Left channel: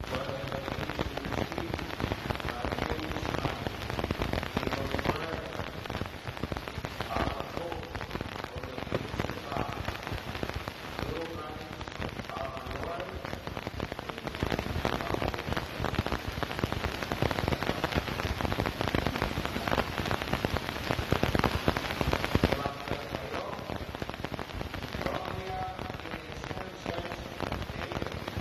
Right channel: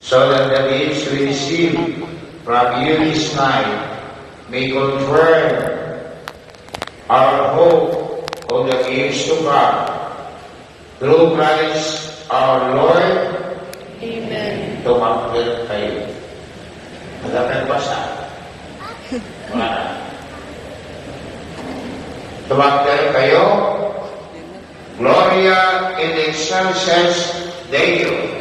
so that the gifts we receive from you this night may confirm our hope of the gifts to come. Through Christ our Lord. Amen. Tumakbir kayo. Dapat basa. Tumakbir kayo. Gloria in excelsis Deo.